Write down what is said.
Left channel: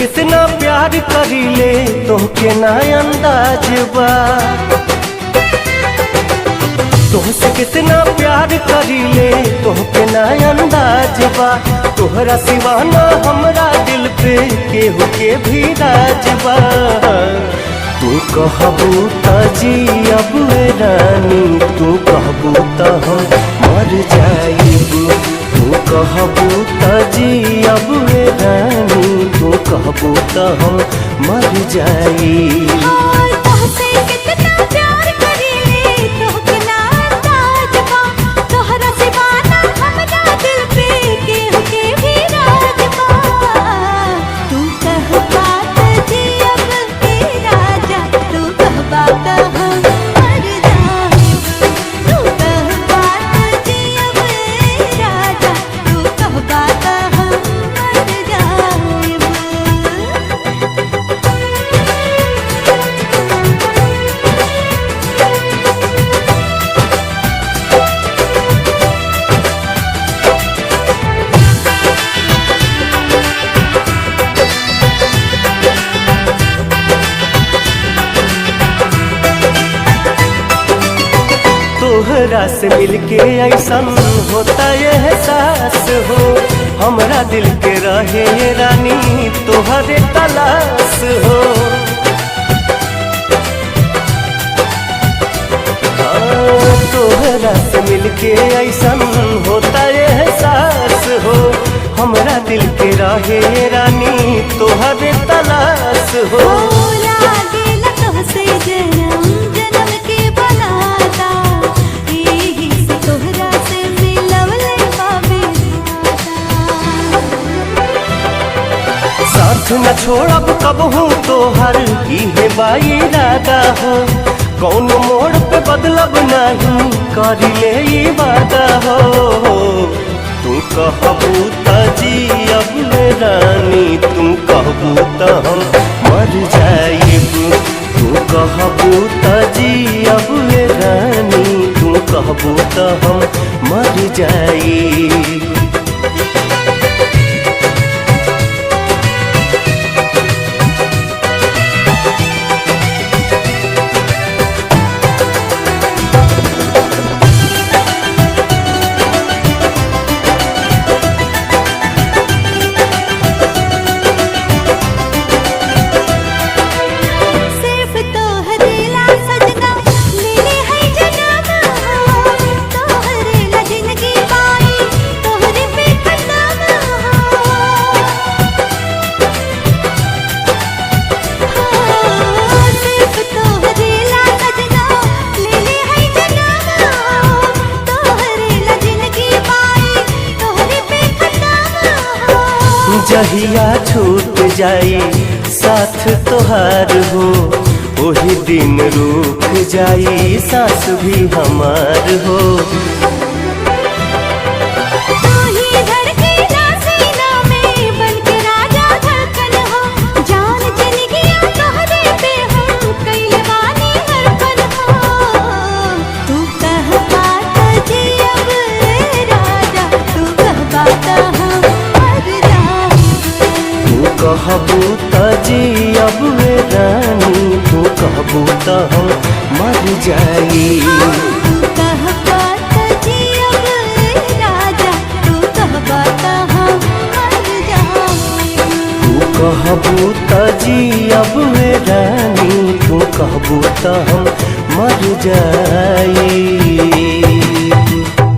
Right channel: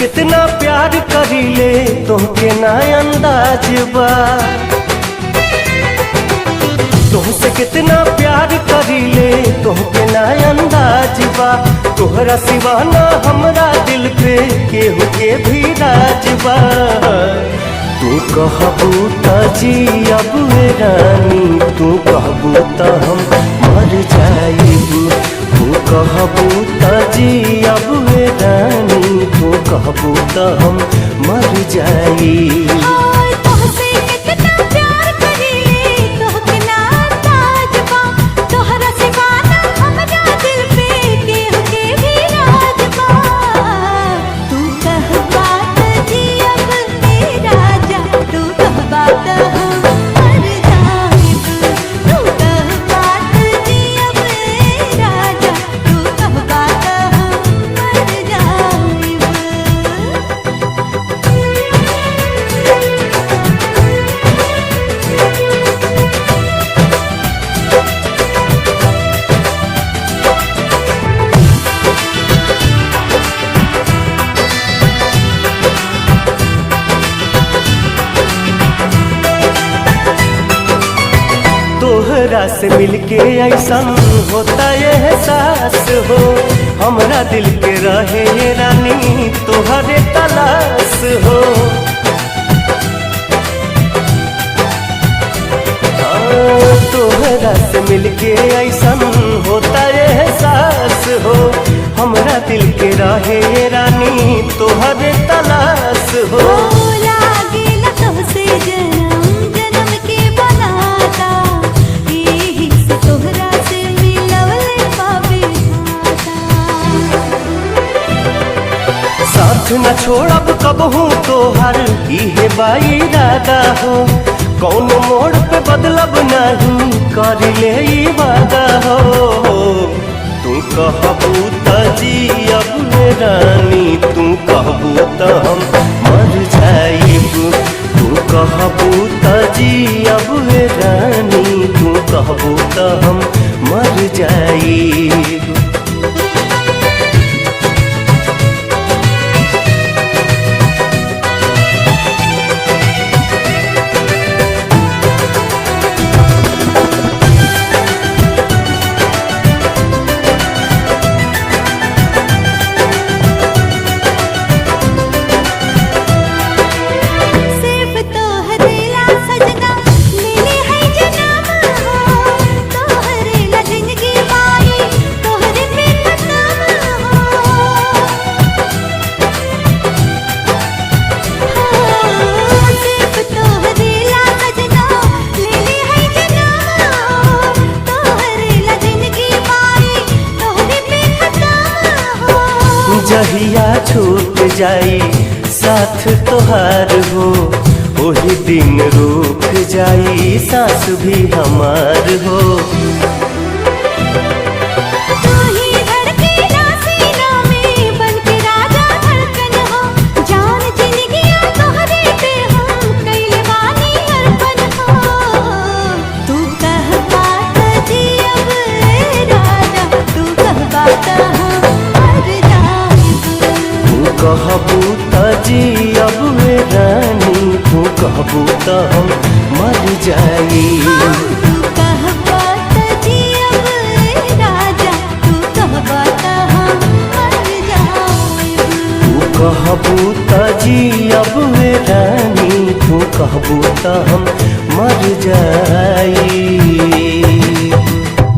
कितना प्यार करीले तोहके ना अंदाज बा। तुमसे कितना प्यार करीले तोहके ना अंदाज बा। तोहरा सिवाना हमरा दिल पे केहू के भी राज बा। तू कहबू त जियब रानी, तू कहबू त हम मर जाइब। तू कहबू त जियब रानी, तू कहबू त हम मर जाइब। तोहरा से मिलके ऐसन होता ये एहसास हो। हमरा दिल के रहे ये रानी तोहरे तलाश हो। तोहरा से मिलके ऐसन होता ये एहसास हो। हमरा दिल के रहे ये रानी तोहरे तलाश हो। लागेला तोहसे जन्म जन्म के बनाता, तोहरा से मिलवले बाबे साथ न छोड़ब कबहू तोहर इहे बाई इरादा हो। कौनो मोड़ पे बदलब नहीं करिले ई वादा हो। तू कहबू त जियब रानी, तू कहबू त हम मर जाइब। तू कहबू त जियब रानी, तू कहबू त हम मर जाइब। जहिया छूट जाई साथ तोहार हो, वही दिन रुक जाई सांस भी हमार हो। कहबू त जियब रानी, तू कहबू त हम मर जाइब। तू कहबा त जियब राजा, तू कहबा त हम मर जाइब। तू कहबू त जियब रानी, तू कहबू त हम मर जाइब।